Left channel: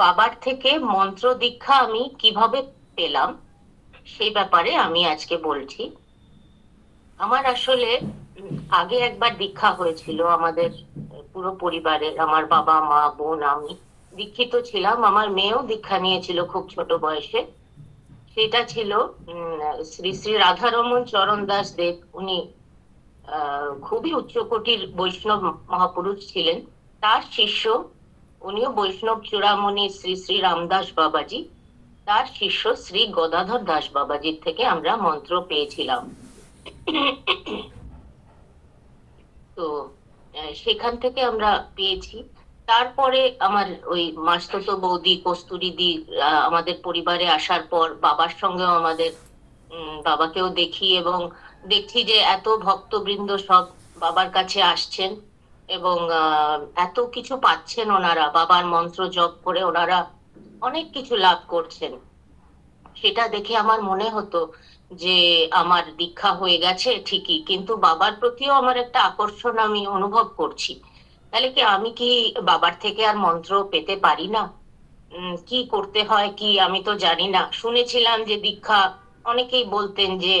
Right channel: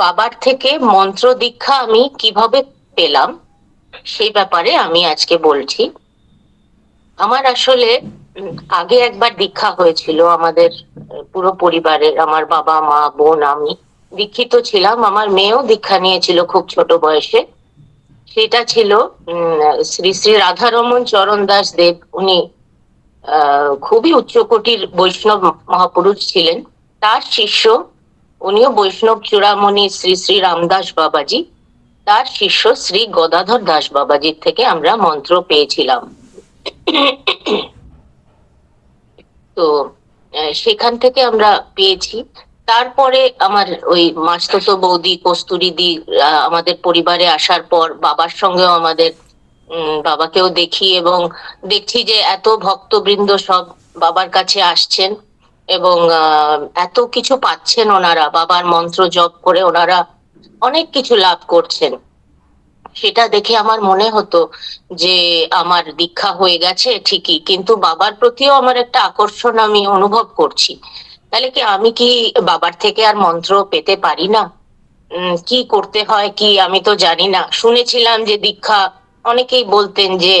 বাবার থেকে মন্ত্র দীক্ষা আমি কিভাবে পেলাম সেই ব্যাপারে আমি আজকে বলছি। আমার আসলে আগে একবার দীক্ষা হয়েছিল আমাদের পুরো পরিবারের, আমার বাবা মা বোন আমি দীক্ষিত ছিলাম। আমার মেয়েও দীক্ষা নিয়েছিল খুব ছোট বয়সে। সেটা ছিল শ্রী শ্রী রাধারমন চরণ দাস দেব। উনি খুবই উচ্চকোটির বৈষ্ণব মহাপুরুষ ছিলেন। তার শিষ্য, উনিও বৈষ্ণব চূড়ামণি শ্রী শ্রী রামদাস বাবাজি, তার শিষ্য শ্রী গদাধর দাস বাবাজির থেকে আমরা মন্ত্র পেয়েছিলাম। তো সেখান থেকে আমরা পেয়েছি। তারপরে আমার ওই মাসতুতো বৌদি কস্তুরী দি আমাদের পরিবারে আসার পর বাবার সঙ্গেও আমাদের বাবাকেও দেখি এবং দেখছি যে এত ভক্তবৃন্দ সব বাবার কাছে আসছেন এবং এত কিছু পাচ্ছেন ওনারা, বাবার মন্ত্র জপ করে ওনারা অনেক কিছু লাভ করছেন। সেটা দেখে আমার মনে হতো যে আমার দীক্ষা হয়ে গেছে ঠিকই, কিন্তু বাবার প্রতিও আমার একটা আকর্ষণ আমি অনুভব করছি। তাহলে কি আমি কি বাবার থেকে আর মন্ত্র পেতে পারি না? কি করতে হয় কি আমি তো জানি না। শুনেছিলাম যে দীক্ষা, অনেকেই বলতেন যে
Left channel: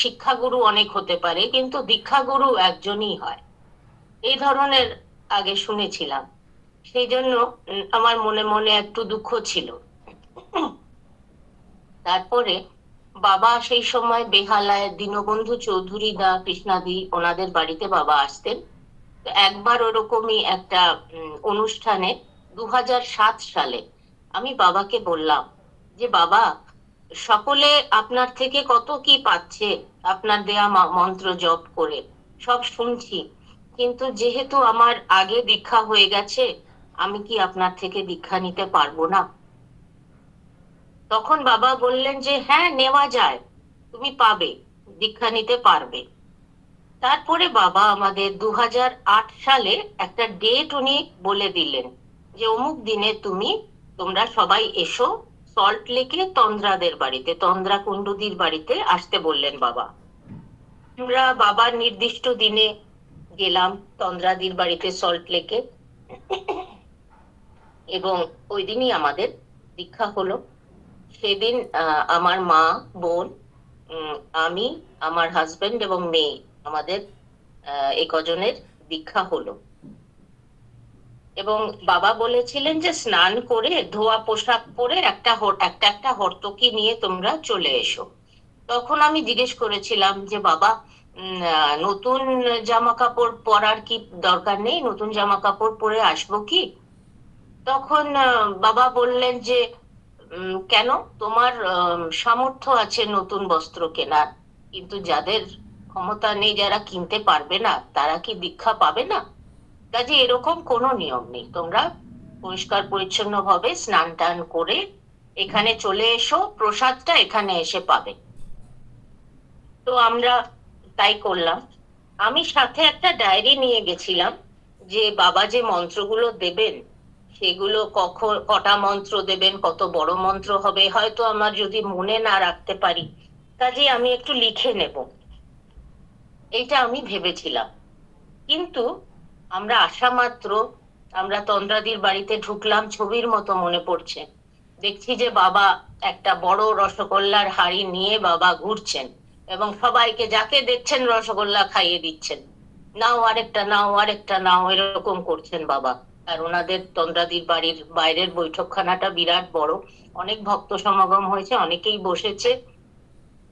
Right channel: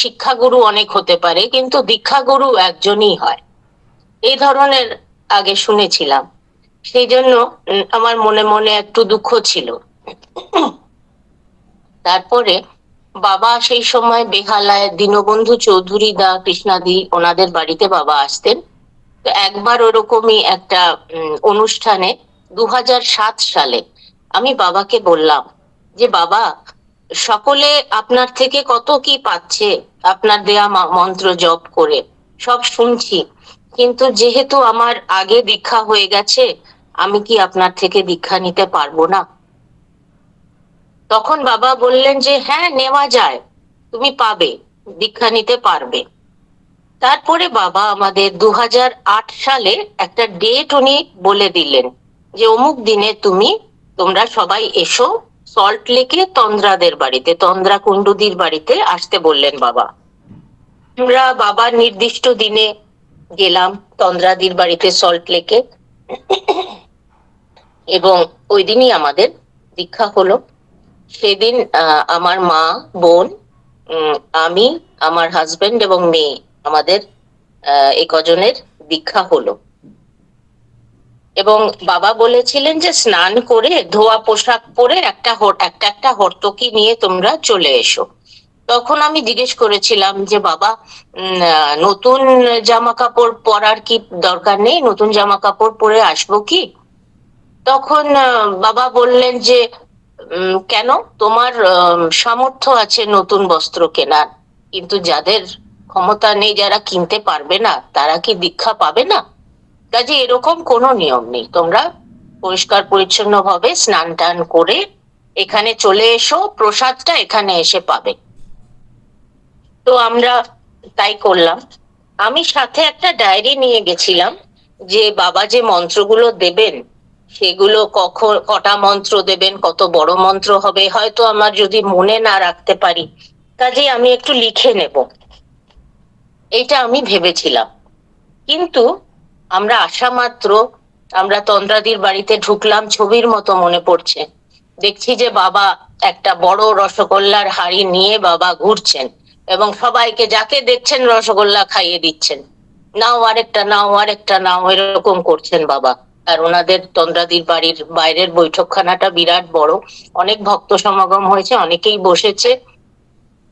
শিক্ষাগুরু অনেক হতে পারে কিন্তু দীক্ষাগুরু একজনই হয়, এই ধরনের আগে শুনেছিলাম। সেই জন্য আমার মনে মনে একটু দুঃখ ছিল। তারপরে বাবা সেই সময় বেহালায় দীনবন্ধু চৌধুরী দা কৃষ্ণাদি ওনাদের বাড়িতে বাবা আসতেন। তো একবার ওরকমই একটা অনুষ্ঠানে 2007 সালে আমি বাবাকে বললাম যে বাবা, সকলে আপনার থেকে কত কি পাচ্ছে আপনার দেয়া মন্ত্র জপ করে, সব শুনছি, কিন্তু যেহেতু আমার আগে দীক্ষা হয়ে গেছে, আমি কি আপনার থেকে দীক্ষা নিতে পারবো না? তখন বাবা বললেন যে হ্যাঁ, নেওয়া যায়, তুমি পাবে, দীক্ষা নিতে পারবে। তারপরে বাবা আমাদের 2008 সালে একটা ডেট উনি বলে দিলেন যে অমুক দিনে তোমরা সবাই এসো সল্ট লেকে তন্দ্রাদের বাড়িতে, তন্দ্রা কুণ্ডুদির বাড়িতে আসতে বললেন বাবা। আমরা বাবার নির্দিষ্ট দিনে গেলাম তন্দ্রাদির বাড়িতে সল্ট লেকে, এবং ওই দিনই আমাদের দীক্ষা হলো। সেদিন আমার মা, বোন, আমি, আমার হাজবেন্ড এবং মেয়ে, আমাদের এই কজনের দীক্ষা হলো। এবং বাবা বলেছিলেন যে স্নান করে ধোয়া পোশাক পরে একটা একটা হর্তকি নিয়ে তোমরা চলে এসো। তখন আমি জিজ্ঞেস করেছিলাম যে বাবা, নতুন জামা কাপড় পরার কি দরকার নেই? নতুন জামা কাপড় পরে আসবো কি? তখন বাবা বললেন যে কেন, তোমার সামর্থ্য আছে নতুন বস্ত্র কেনার, কিন্তু যাদের ক্ষমতা নেই, যারা কিনতে পারবে না, তারা কি দীক্ষা পাবে না? কাজে এরকম কোনো নিয়ম নেই, তোমরা পরিষ্কার পরিচ্ছন্ন ভাবে স্নান টান করে এখানে চলে এসো, প্রসাদটা এখানে এসে পাবে। তো আমরা তাই করলাম। আমি সাথে একটা ডায়েরি নিয়ে গেছিলাম যে বাবা যে মন্ত্রগুলো দেবেন সেগুলো কখন কটা মন্ত্র দেবেন, কত বড় মন্ত্র হবে, হয়তো আমার যদি মনে না রাখতে পারি, কাজেই আমি একটু লিখে নেব, এটা আমি ভেবেছিলাম। কিন্তু আমরা আসা মাত্র আমরা তন্দ্রাদির বাড়িতে ঢুকলাম, ছবির মতো মনে পড়ছে, দেখছি যে বাবা একটা বড় রসগোল্লার হাঁড়ি নিয়ে বাবা ঘুরছেন এবং সবাইকে যাকে দেখছেন রসগোল্লা খাইয়ে দিচ্ছেন, নাও আরেকটা, নাও আরেকটা, নাও, এরকম করছেন বাবা। আর ওনাদের তন্দ্রাদির বাড়ির বাইরের বৈঠকখানাটা বিরাট বড়, অনেক ভক্ত সমাগম হয়েছে, অনেকেই বসেছে,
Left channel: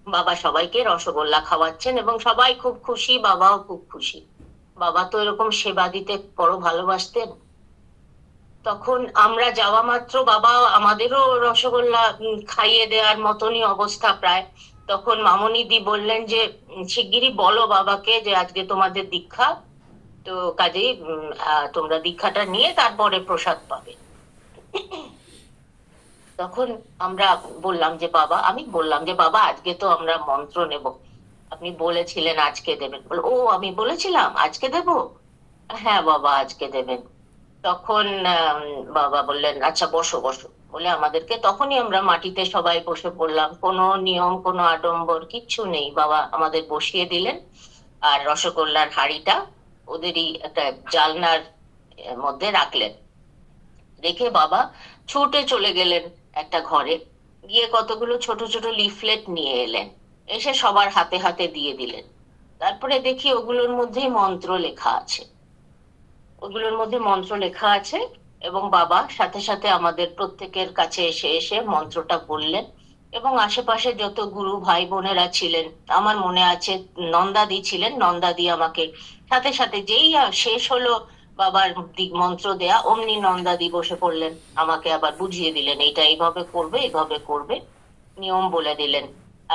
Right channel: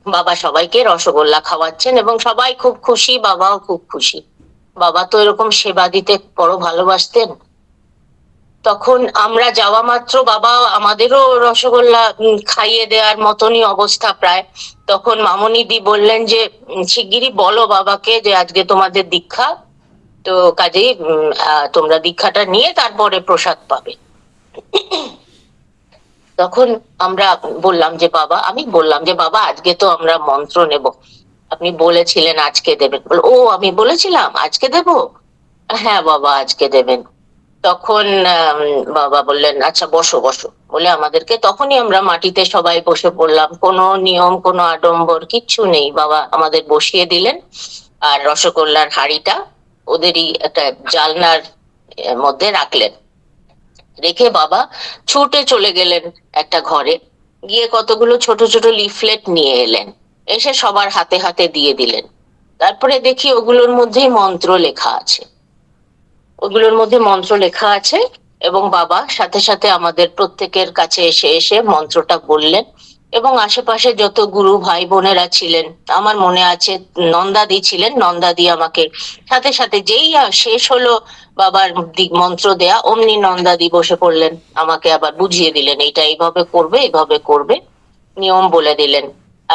বাবা সবাইকে রসগোল্লা খাওয়াচ্ছেন এবং সবাই খুব খুশি, বাবাও খুব খুশি। বাবা তো এরকম সেবা দিতে বড় ভালোবাসতেন। তখন আমরা যাওয়া মাত্র বাবা আমাদেরও রসগোল্লা খাইয়ে দেওয়ার মতনই অবস্থা প্রায়। তখন মামনি দি বললেন যে শিগগিরই বলো বাবাকে যে আজকে তোমাদের দীক্ষা, তো কাজেই তোমরা দীক্ষাটা নিয়ে তারপরে প্রসাদ পাবে। তখন আমরা বললাম যে বাবা, আমি বললাম যে বাবা আজকে তো আমরা মন্ত্র নেব, আপনি বলেছিলেন আজকে দেবেন। ও, আমি বলেছিলাম আজকে দেব? হ্যাঁ বাবা, আজকে দেবেন। তখন বাবা বললেন আচ্ছা বসো বসো বলে আমাদেরকে, তখনই আমরা মাটিতে সবাই বসে পড়লাম, কোনো নিয়ম কোনো আডম্বর কিচ্ছু নেই, বাবা আমাদের বসিয়ে দিলেন। আর রসগোল্লার হাঁড়িটা ওদেরই একটা জালনার মধ্যে রাখলেন। রেখে বাবা ছুটে চলে গেলেন একটা ঘরে, গিয়ে কতগুলো ছোট ছোট লিফলেট নিয়ে এলেন, এসে সবার হাতে হাতে দিয়ে দিলেন। তারপরে দেখি ওগুলোর মধ্যেই মন্ত্র লেখা আছে, ওগুলোর মধ্যে মন্ত্র লেখা আছে, এবং বাবা সাথে সাথে আমাদের প্রত্যেকের কাছে এসে এসে মন্ত্রটা বললেন। এবং আশেপাশে যত গুরু ভাই বোনেরা ছিলেন, আমার মনে আছে নন্দাদি ছিলেন, নন্দাদি আমাকে সাথে সাথে যেই শেষ হলো বাবার দিক মন্ত্র দেয়া, অমনি নন্দাদি বসে পড়লেন, আমাকে আবার বুঝিয়ে দিলেন এইটা এইভাবে করবে, এইভাবে করবে, নিয়ম বলে দিলেন।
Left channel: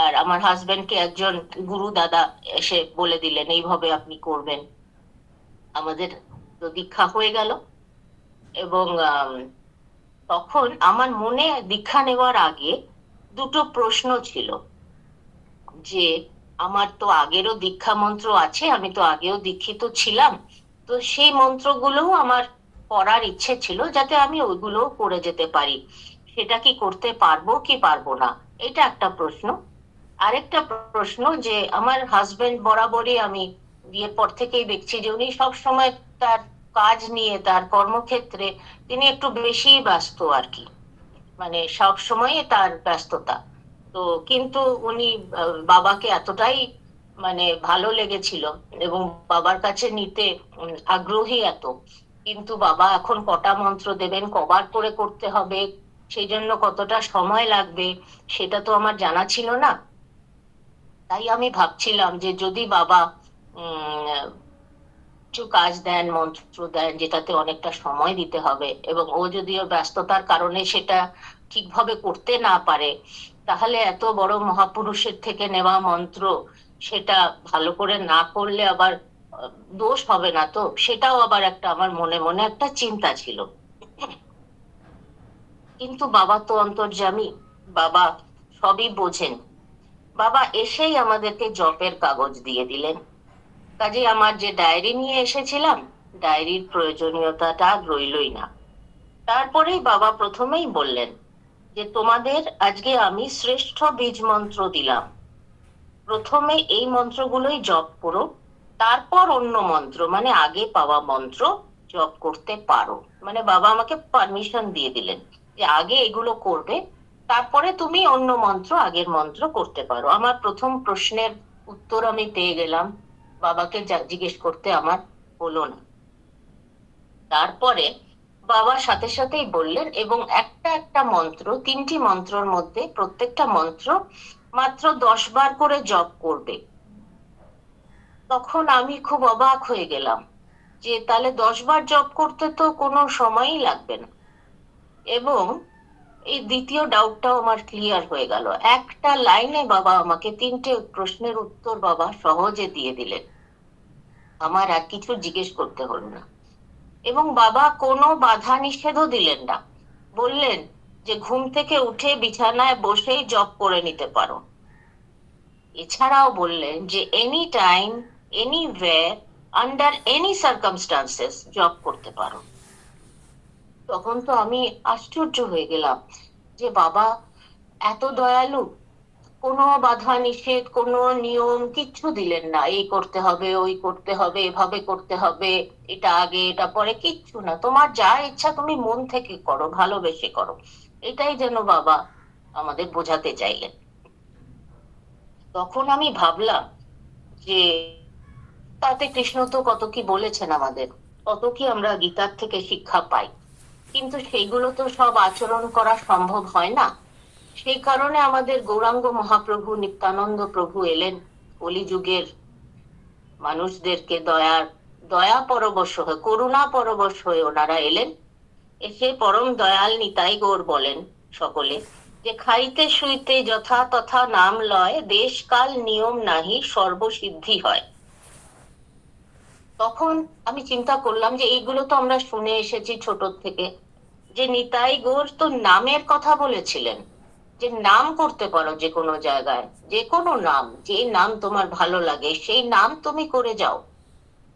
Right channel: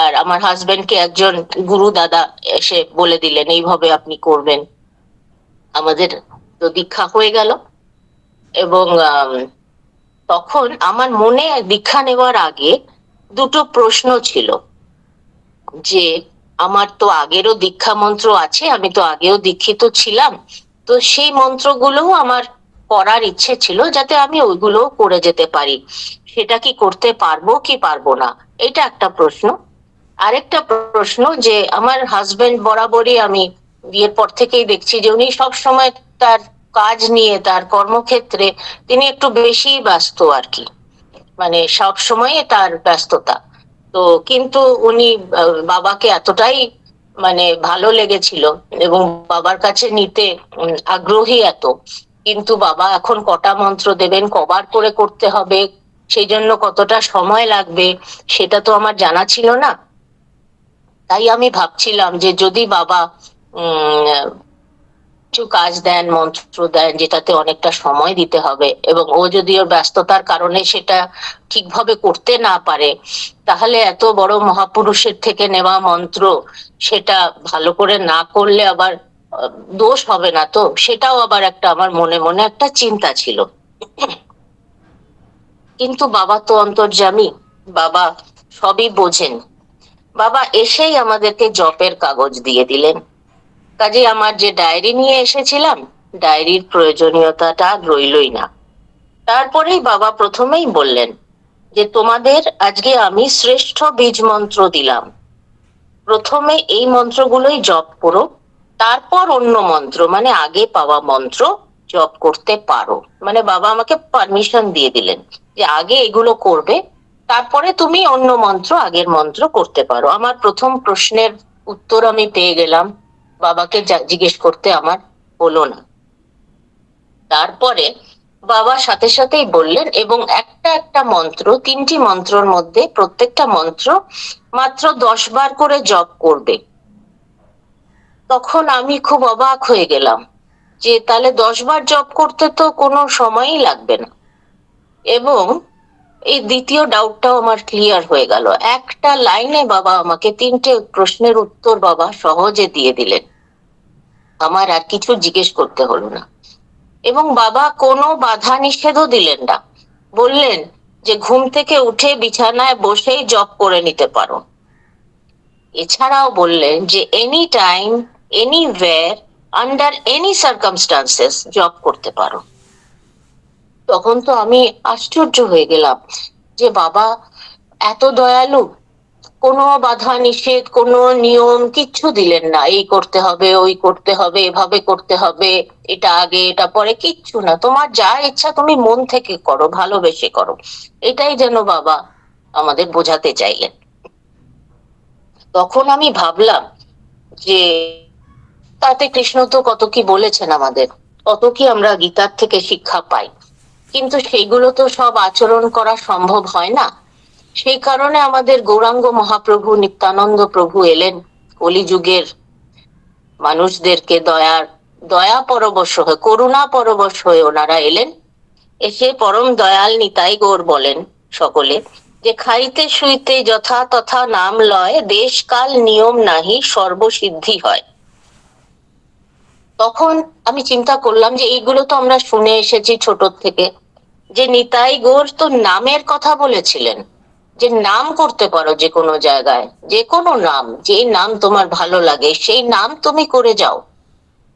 আর আমার হাজবেন্ডকে একজন গুরু দাদা এসে বলে দিলেন এইভাবে আপনি করবেন। আমাদের তো দীক্ষা হয়ে গেল। এবং তখন আমার মনে দীক্ষা নেওয়ার আগে দুটো প্রশ্ন ছিল, যে আমার তো আগেরও দীক্ষা মন্ত্র আছে, আমি তো আগেও দীক্ষিত ছিলাম, তো সেই মন্ত্রগুলোও আমার করার ইচ্ছে ছিল, যাতে আমি ওইগুলোও করে যেতে পারি। সেটা কি করতে পারবো কি পারবো না, এটা একটা প্রশ্ন। আরেকটা প্রশ্ন, যে আমার হাজবেন্ড বরাবরই, আমি বিয়ের পর থেকেই দেখছি যে উনি সব সময় তার কাজ নিয়ে, তার কর্মক্ষেত্রে তিনি একটু বেশি ব্যস্ত আর কি, মানে সব সময় তার ব্যস্ততা। তো কিন্তু উনি বাবাকে এতটাই মানে ভালো লেগেছিল এবং বাবার কাছে নিতে আগ্রহী এত, কিন্তু বাবা এখন কটা মন্ত্র দেবেন, কবার করে করতে হবে, সেই জন্য কতটা সময় লাগবে, সেটা তো আমার জানা ছিল না। তাই আমি ভাবছিলাম যে যদি বাবা উম কিছু কাজ দেন, মন্ত্র দেন, যেটাতে অনেকটা সময় দিতে হবে, এবং ও যদি ওর ব্যস্ততার কারণে সেটা ঠিকভাবে করতে না পারে, তাহলে এত বড় মহাপুরুষের থেকে নেওয়া মন্ত্র সেটা ভালো করে না করলে আবার দোষ হবে না তো, সেটাও আবার একটা আমার মনে মনে একটা চিন্তা ছিল। কিন্তু বাবা তো অন্তর্যামী, বাবা সবই বোঝেন। বাবা এসেই আমাদেরকে জপের কাগজ দিয়ে দিলেন। কাজে আমার যে ডায়েরি নিয়ে এসেছিলাম, ডায়েরির প্রয়োজনীয়তাটা রইলই না। তারপরেই বাবা প্রথমেই বললেন যে তোমাদের আজকে আমি শ্রেষ্ঠ বীজ মন্ত্র দিলাম, প্রথমে এই মন্ত্রগুলোই জপ করো, তারপর অন্য মন্ত্র মানে আগে পাওয়া মন্ত্র জপ করতে পারো। মানে বাবা আমাকে পারমিশন দিয়ে দিলেন যে আগে এগুলো করবে, তারপরে তুমি অন্য মন্ত্র, আগের মন্ত্র করতে পারো। আমার প্রথম প্রশ্নের উত্তর আমি পেয়ে গেলাম, বাবাকে জিজ্ঞেস করতে আমার হলো না। তারপরে বাবা সাথে সাথেই বললেন, এবং একটা একটা মন্ত্র, তিনটি মন্ত্রর মধ্যে প্রত্যেকটা মন্ত্র মাত্র 10 বার করে জপ করবে। তখন আমি খুব অবাক হয়ে গেলাম যে তাহলে 10 বার জপ করতে তো কোনো সময়ই লাগবে না। এবং এই দ্বিতীয় ডাউটটাও আমার ক্লিয়ার হয়ে গেল, একটা লাইনে বাবা আমাকে তিনটে প্রশ্নের উত্তর বাবা সহজে দিয়ে দিলেন, আমার আর কিছু জিজ্ঞেস করতে হলো না। এবং বাবা কোনো বাধা নিষেধও দিলেন না, বললেন যে ঘুম থেকে উঠে বিছানায় বসেই জব করে নিতে পারো। এছাড়াও বললেন যে any time, anywhere, under any circumstances job করতে পারো। তখন তো আমি আশ্চর্য হয়ে গেলাম যে বাবা এত দয়ালু, কোনো বাধা নিষেধ, কোনো নিয়ম কিচ্ছু দিলেন না, এই করতে হবে, ওই করতে হবে, এভাবে করতে হবে, এটা আগে এটা পরে, কিচ্ছু না, তোমার যা ইচ্ছা তুমি মন থেকে করো, ভালোবেসে করো। এটাই যেন বাবা আমাদের বোঝাতে চাইলেন। তখন আমি ভাবলাম যে তাতে কৃষ্ণ তো কত কি বলেছেন আমাদের, কত কি আমরা গীতার থেকে শিক্ষা পাই, কিন্তু সেইগুলো তো সব আচরণ করা সম্ভব হয় না। সেই কারণে আমাদের গৌরাঙ্গ মহাপ্রভু, নিত্যানন্দ প্রভু এলেন কলিযুগের মানুষদেরকে দয়া পরবশ হয়ে, করুণা পরবশ হয়ে ওনারা এলেন। এসে পরম দয়াল নিতাই গৌর বলেন সকলে, যে খাইতে শুইতে যথা তথা নাম লয়, দেশ কাল নিয়ম নাহি সর্বসিদ্ধি হয়। তখন আমি চিন্তা করলাম যে এইগুলো তো আমরা শুনে এসেছি ছোট থেকে, যে নিতাই গৌর তো নামের কথা বলেছিলেন, যে নাম করতে পারো যে কোনো জায়গায়, যে কোনো নাম, যে নাম তোমার ভালো লাগে সেই নাম তুমি করে যাও,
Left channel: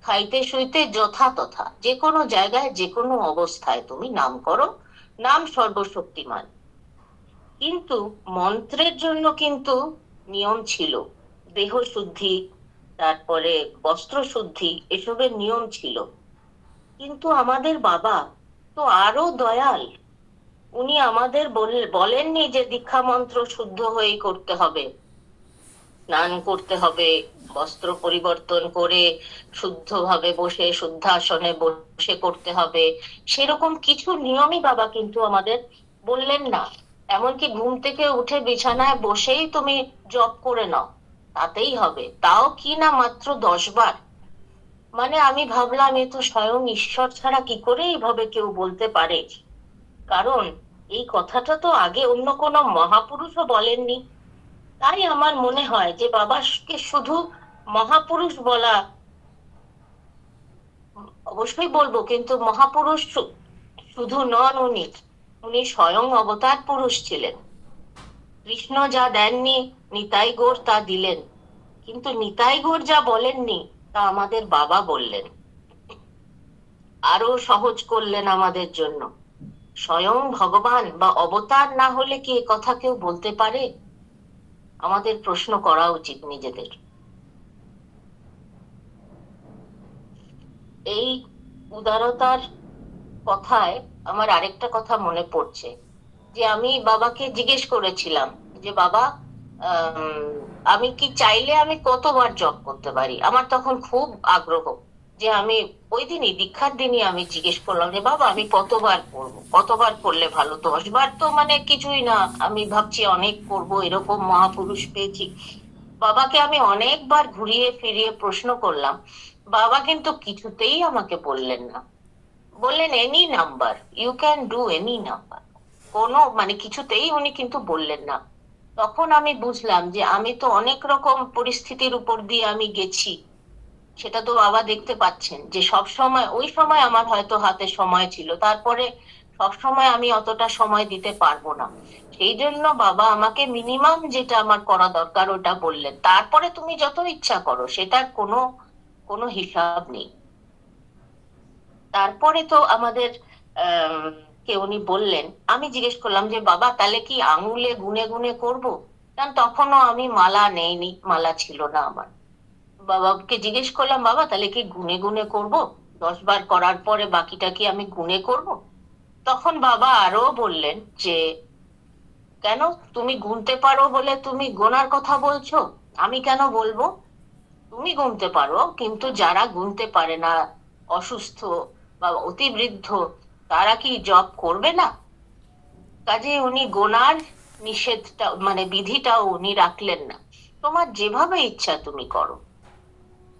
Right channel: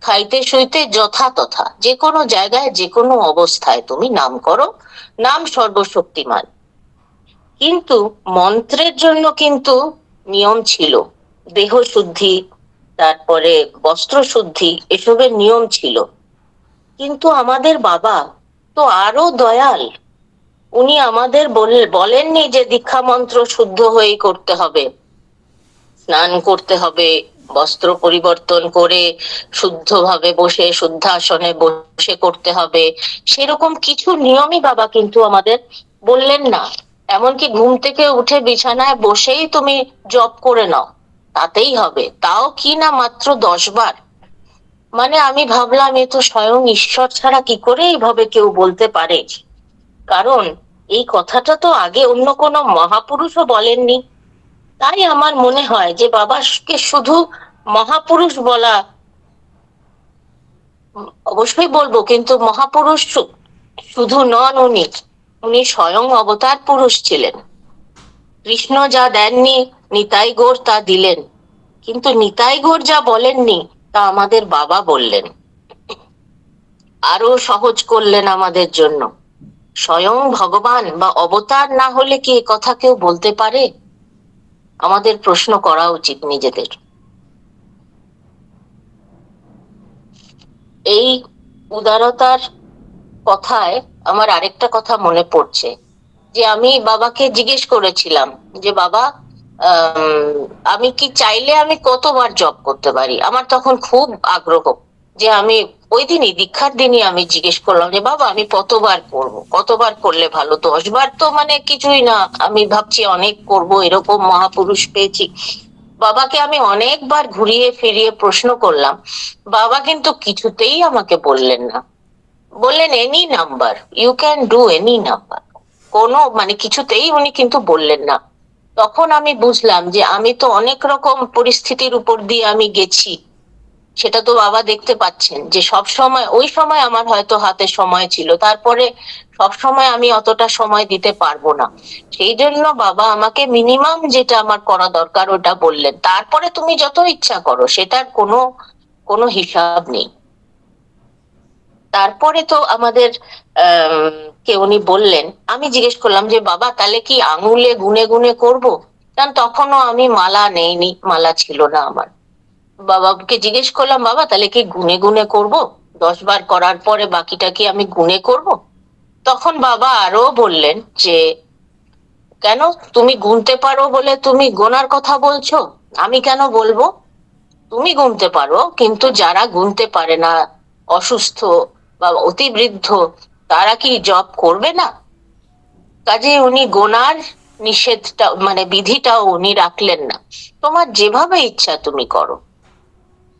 খাইতে শুইতে যথা তথা, যে কোনো জায়গায় যে কোনো অবস্থায় তুমি নাম করো, নাম সর্বশক্তিমান। কিন্তু মন্ত্রের জন্য কিন্তু নিয়ম ছিল, দেহ শুদ্ধি, তারপরে বস্ত্র শুদ্ধি, এসবের নিয়ম ছিল। কিন্তু আমাদের বাবা তো আরো দয়াল। উনি আমাদের বলেননি যে দীক্ষা মন্ত্র শুদ্ধ হয়েই করতে হবে, স্নান করতে হবে, বস্ত্র পরিবর্তন করে শুদ্ধভাবে বসে শুদ্ধাসনে বসে করতে হবে, সেরকম কিছু নিয়মই বাবা কিন্তু আমাদের বললেন না। এমনকি ঘুম থেকে উঠে বিছানায় বসেই তুমি জপ করে নাও, তাতেই হবে, তাও কি না মাত্র 10 বার। মানে আমি ভাবলাম এ তো স্বয়ং ঈশ্বর ছাড়া কি করে এইভাবে কেউ বলতে পারে। কারণ এই কথাটা তো আগে অন্য কোনো মহাপুরুষও বলেননি। তাই আমার মনে হয় যে বাবাকে শুধু মহাপুরুষ বলা, অবশ্যই বলবো, কিন্তু মহাপুরুষ শুধু নন উনি, উনি স্বয়ং অবতার পুরুষ ছিলেন। কৃষ্ণ যা দেননি নিতাই গৌর তা দিলেন, কিন্তু নিতাই গৌর যা বলেননি তা আমাদের বাবা বললেন, আরো সহজ করলেন আমাদের জন্য। স্বয়ং ভগবান বা অবতার না হলে কি এ কথা কেউ বলতে পারে? আমাদের প্রশ্ন করা উচিত নিজেদের। এই উদারতার কথায় আমার আরেকটা কথা মনে পড়ছে, যে আমি বাবাকে জিজ্ঞেস করেছিলাম যে বাবা, আমি কি চাইলে আমি কতবার জব করতে পারি? আমার তখন খুব আগ্রহ, যে আমি ওই দিনই দীক্ষার দিনই আমি জিজ্ঞেস করলাম যে বাবা আমি কতবার করবো, কতবার করলে ভালো? 10 বার তো মানে কিছুই না, আমি ভাবছি অনেক করব, এরকম মহাপুরুষ পেয়েছি। বাবাকে আমি অনেকবার ঘুরিয়ে ফিরিয়ে প্রশ্ন করলাম, বাবা কিন্তু কিছুতেই আমাকে বললেন না। বললেন any number, you can do any number, কোনো মানে কিছুতেই উনি কিন্তু বললেন না। তখন আমি বুঝলাম যে আমি তো অনেক রকম পরিস্থিতির উপর দিয়ে আমি গেছি, সেটা তো বাবা দেখতে পাচ্ছেন, যে সব সময় ওই সময় আমার হয়তো হাতে সময় ছিল, তারপরে সব সময় আমি অতটা সময় দিতে পারবো না। সেই জন্য বাবা আমাকে মিনিমাম যেটা আমার করা দরকার ওটা বললেন, তারপরে তুমি যত ইচ্ছা করো, সেটার কোনো কোনো হিসাব নেই। তারপরে তো আমাদের কে উনি বললেন, আমি জিজ্ঞেস করলাম যে বাবা তাহলে কি আঙুলে গুনে গুনে করব? কারণ তখনও আমি মালা নেইনি, মালা ছিল না আমার। বাবাকে জিজ্ঞেস করলাম বাবা তাহলে কি গুনে গুনে করব? 10 বার করার পরে বাকিটা কি আমি গুনে করব? তখন বাবা আরো বললেন যে কেন, তুমি গুনতে পারো বলে তুমি গোনার কথা বলছো? আমি কেন বলবো? তুমি গুনতে পারো, কিন্তু যারা গুনতে পারে না, অসুস্থ বা অতি বৃদ্ধ, তারা কি জব করবে না? কাজে উনি গোনার নিষেধটা মানে বিধিটাও উনি রাখলেন না। তোমার যেভাবে ইচ্ছা তুমি করো,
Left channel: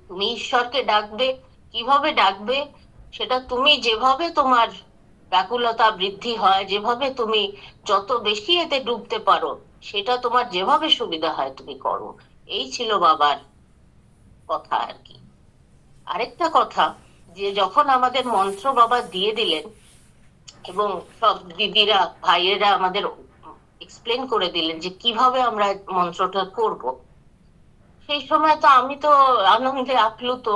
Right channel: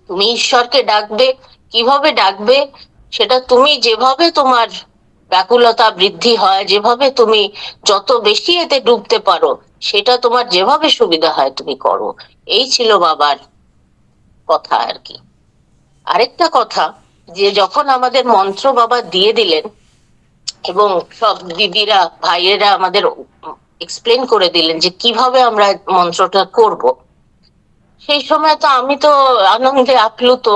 তুমি ঈশ্বরকে ডাকবে, কিভাবে ডাকবে সেটা তুমি যেভাবে তোমার ব্যাকুলতা বৃদ্ধি হয়, যেভাবে তুমি যত বেশি এতে ডুবতে পারো, সেটা তোমার যেভাবে সুবিধা হয় তুমি করো। এই ছিল বাবার কথা আর কি। আরেকটা কথা, যে যখন আমাদের মন্ত্র বাবা দিয়ে দিলেন এবং সব দিদিরা ভাইয়েরা আমাদের এক্সপ্লেন করে দিলেন যে কিভাবে আমরা মন্ত্রটা করব, সেই সময় তো আমি তো আনন্দে আপ্লুত।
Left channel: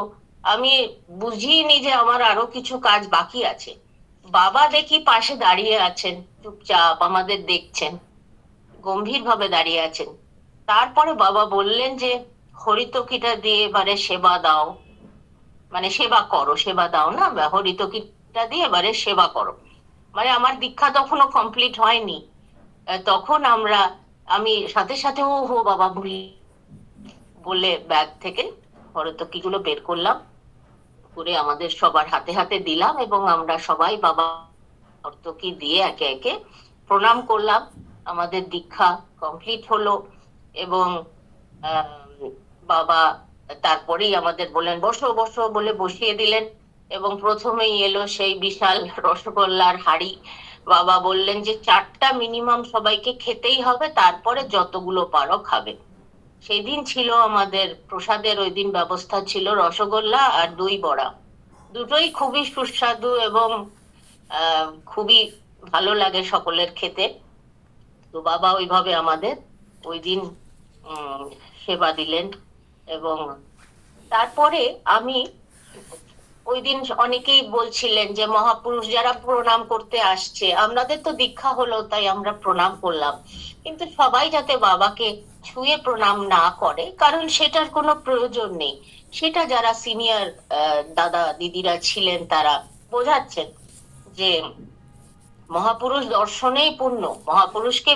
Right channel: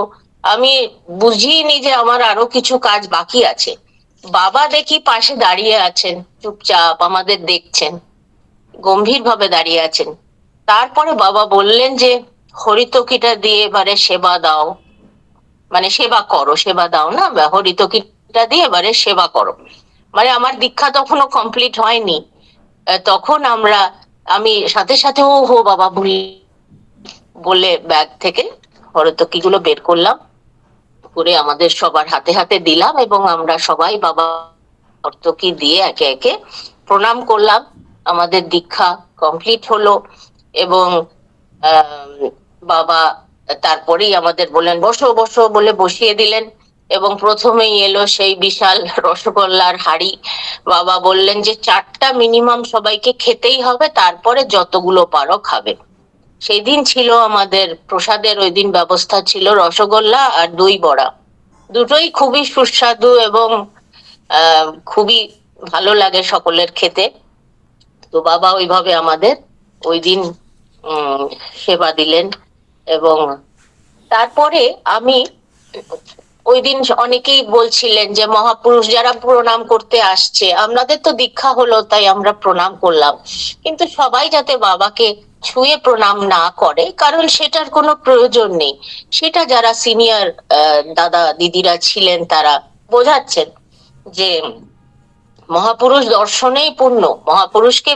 আমি বুঝিনি যে আমার আরো কিছু কাজ বাকি আছে। বাবা দেখি পাশে দাঁড়িয়ে আছেন, চুপচাপ আমাদের দেখছেন, গম্ভীর ভাবে দাঁড়িয়ে আছেন। তারপরে বাবা বললেন যে হরিতকিটা দিয়ে এবারে সেবা দাও, মানে সেবা করো, সেবা দাও না, হরিতকিটা দিয়ে এবারে সেবা করো। মানে আমার দীক্ষা তখনও কমপ্লিট হয়নি। তখন আমি সাথে সাথে ও হো বাবা ভুল বলে ব্যাগ থেকে হরতকি গুলো বের করলাম, করে আমাদের সবার হাতে হাতে দিলাম এবং আমরা সবাই বাবা হরতকি দিয়ে একে একে প্রণাম করলাম। আমাদের দীক্ষা কমপ্লিট হলো এবং বাবা তারপরেই আমাদের বললেন বসো বসো বলে বসিয়ে দিলেন, এবং প্রথমেই এলো সেই বিশাল রসগোল্লার হাড়ি। বাবা বললেন যে 4টা মিনিমাম সবাইকে খেতেই হবে, তারপরে যতগুলো পারো খাবে। সেই দিন ছিল আমাদের প্রসাদের, ওই দিন ব্যবস্থা ছিল রসগোল্লা আর দই বড়া, দুটোই খুবই সুস্বাদু এবং খুবই ভালো লাগে সকলের খেতে। তো বাবা ওইভাবে আমাদের ওই দিন সেবা দিলেন। এবং তারপরে আমি ওই দিন অনেকেই বলছিলেন যে মহাপুরুষ যারা প্রণাম করতে আসছে, আমাদের তো দীক্ষা হলো তাই আমরা প্রণাম করলাম, কিন্তু সবাই যাতে বাবাকে ছুঁয়ে প্রণাম না করে, কারণ সেটার কোনো প্রয়োজন নেই। সেটা যারা সিনিয়র দাদা দিদিরা ছিলেন তারা বোঝাচ্ছেন যে মহাপুরুষ দর্শনেই পূর্ণ, মহাপুরুষকে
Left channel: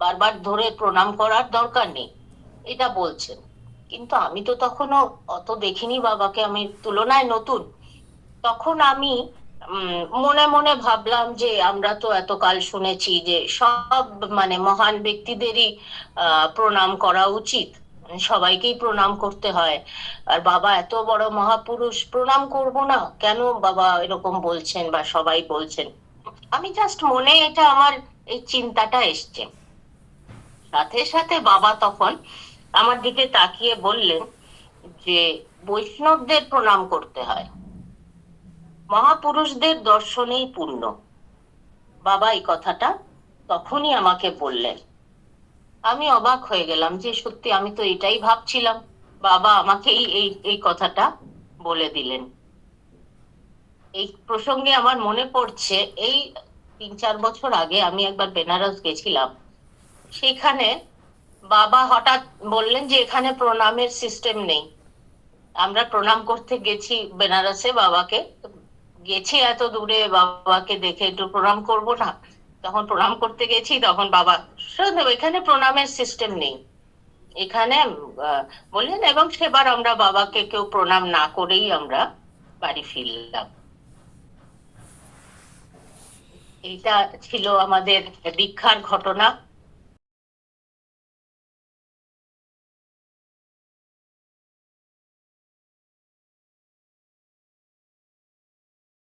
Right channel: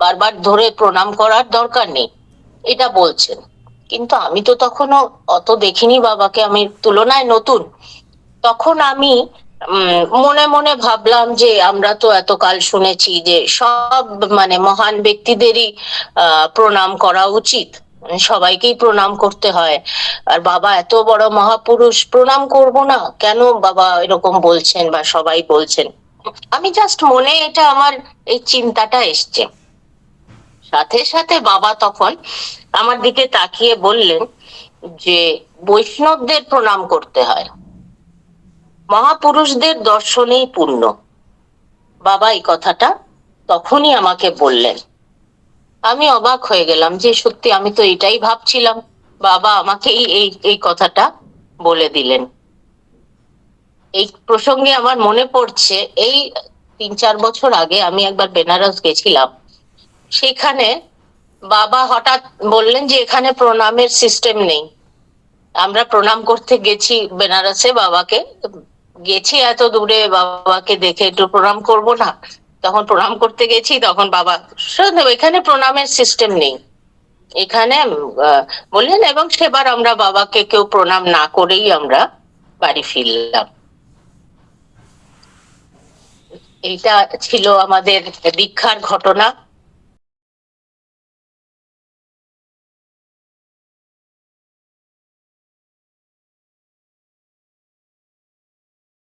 বারবার ধরে প্রণাম করার দরকার নেই, এটা বলছেন। কিন্তু আমি তো তখনও অত দেখিনি বাবাকে, আমি তুলনায় নতুন। তখন আমি মনে মনে ভাবলাম যে আমরা তো এতকাল শুনেছি যে সব মানে মহান ব্যক্তিদেরই প্রণাম করা উচিত, মানে সবাইকেই প্রণাম করতে হয়। আর বাবা এত বড় মহাপুরুষ, প্রণাম করব না কেন বাবা এরকম বলছেন বা সবাই বলছেন। আমি জাস্ট মনে এটা আমার এই চিন্তাটা এসছে। সাথে সাথে বাবা তখন আমার দিকে তাকিয়ে বললেন যে বৈষ্ণবদের প্রণাম করতে হয়, মহাপুরুষদের দর্শনেই পূর্ণ। বাবা এই কথাটা তখনই আমাকে বললেন। আমি অবাক হয়ে গেলাম যে সত্যি আমি তো এটাই ভাবছিলাম। বাবা আমাকে এই এই কথাটা বলে দিলেন। এই প্রসঙ্গে আমার মনে পড়ছে, এই 3-4 বছর আগে আমি একবার বেনারস গেছিলাম। সেখানে বাবা হঠাৎ বললেন যে এখানে প্রণামের সিস্টেম নেই। আমরা প্রণাম করতে গেছি বেনারসে বাবাকে, গেছি এত দূরে, বাবাকে দেখে একটু প্রণাম করব না, তখন প্রণাম করতে গেছি, তখন বাবা শুধু এখানে প্রণামের সিস্টেম নেই এখানে বললেন। এবং সেবার আমরা বাবাকে কেউ প্রণাম না করেই আমরা বাড়ি ফিরলাম। এইটা ছিল আমাদের দীক্ষার ঘটনা।